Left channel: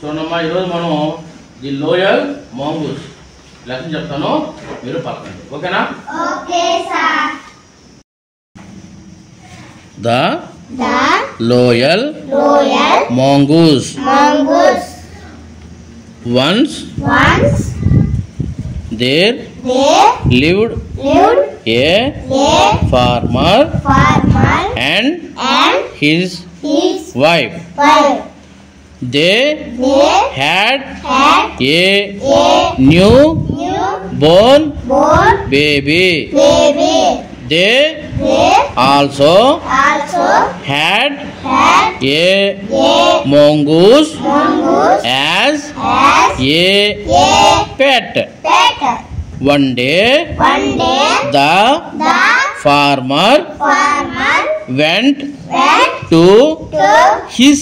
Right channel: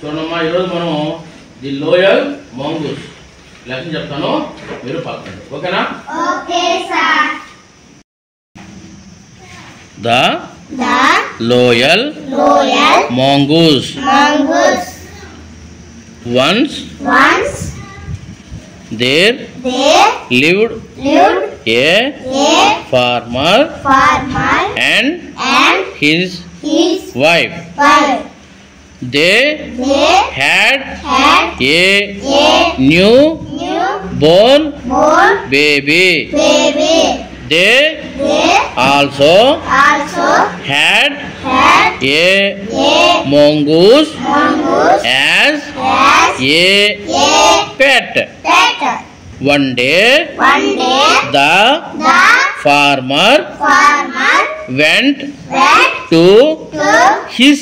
చూడమ్మా ఈరోజు మనం ది లోయల్ మాంగూస్ లెసన్ చెప్తాను, మీరు పలకండి. ఓకేనా? Okay sir. The loyal mongoose. Once there lived a farmer and his wife. They had a newborn baby. They also had a mongoose as a pet. One day the farmer went to his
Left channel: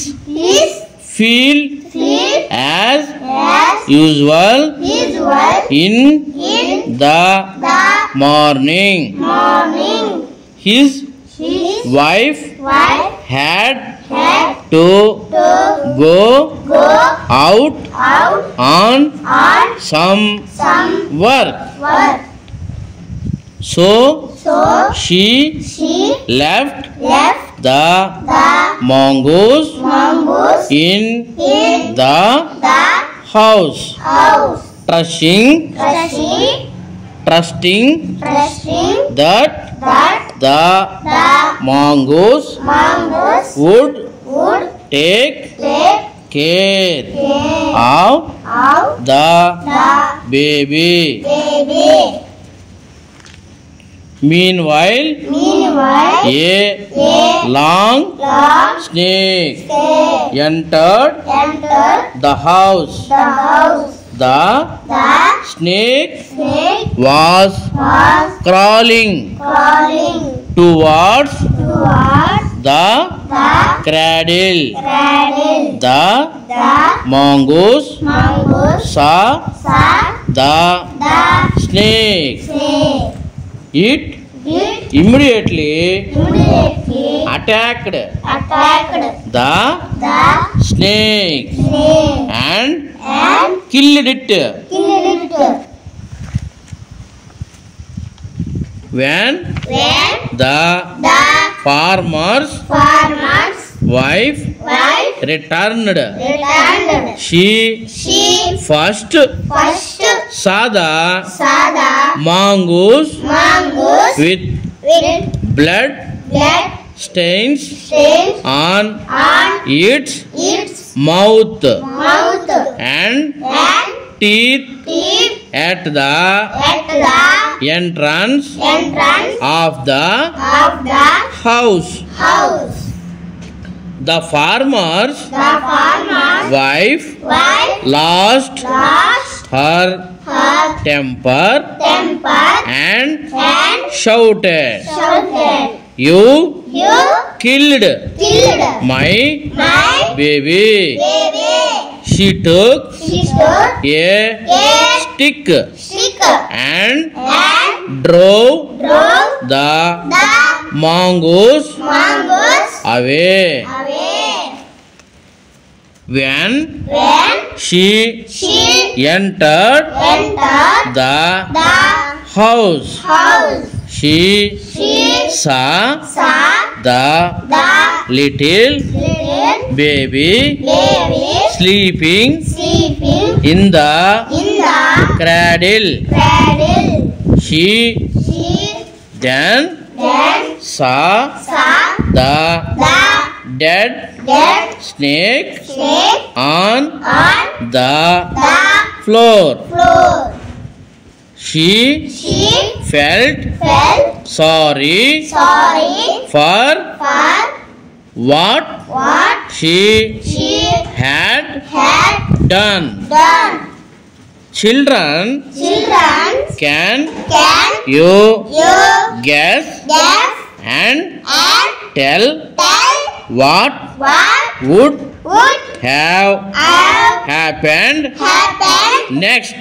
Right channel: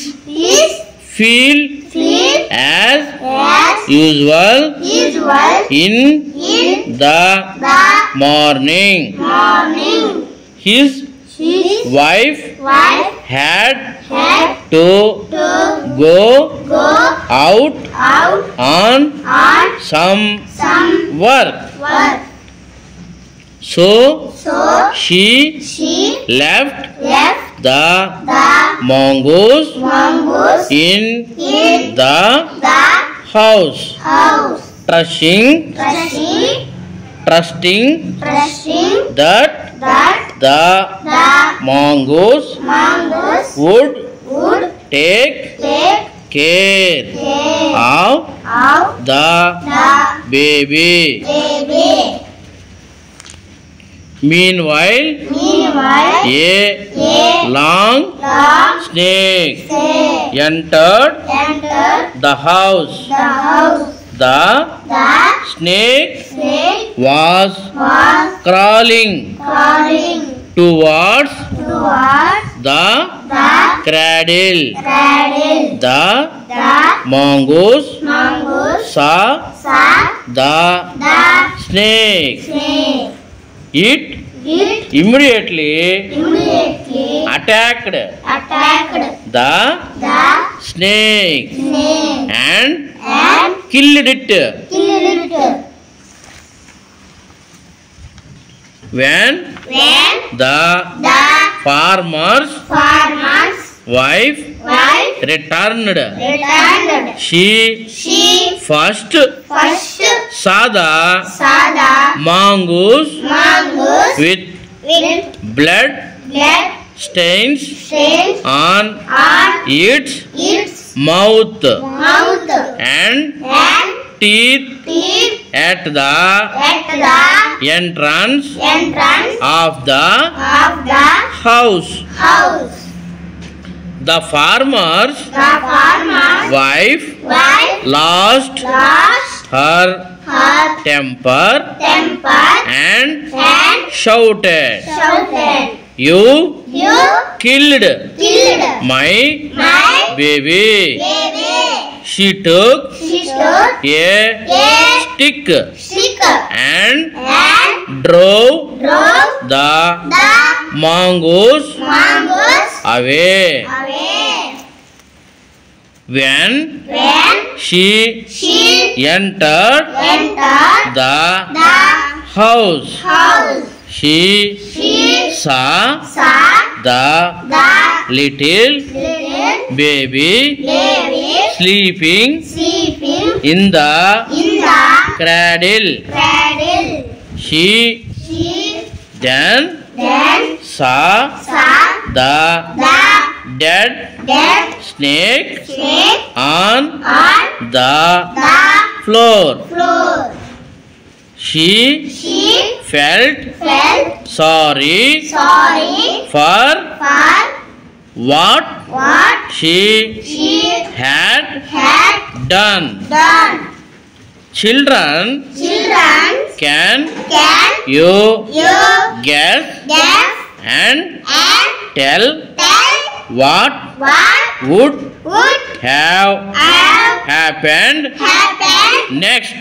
field as usual in the morning. His wife had to go out on some work. So she left the mongoose in the house, trusting that the mongoose would take care of the baby. Meanwhile, a long snake entered the house. The snake was crawling towards the cradle. The mongoose saw the snake. It immediately attacked the snake and killed it. When the farmer's wife returned, she first saw the mongoose with blood stains on its mouth and teeth at the entrance of the house. The farmer's wife lost her temper and shouted, "You killed my baby." She took a stick and drove the mongoose away. When she entered the house, she saw the little baby sleeping in the cradle. She then saw the dead snake on the floor. She felt sorry for what she had done. Children, can you guess and tell what would have happened next?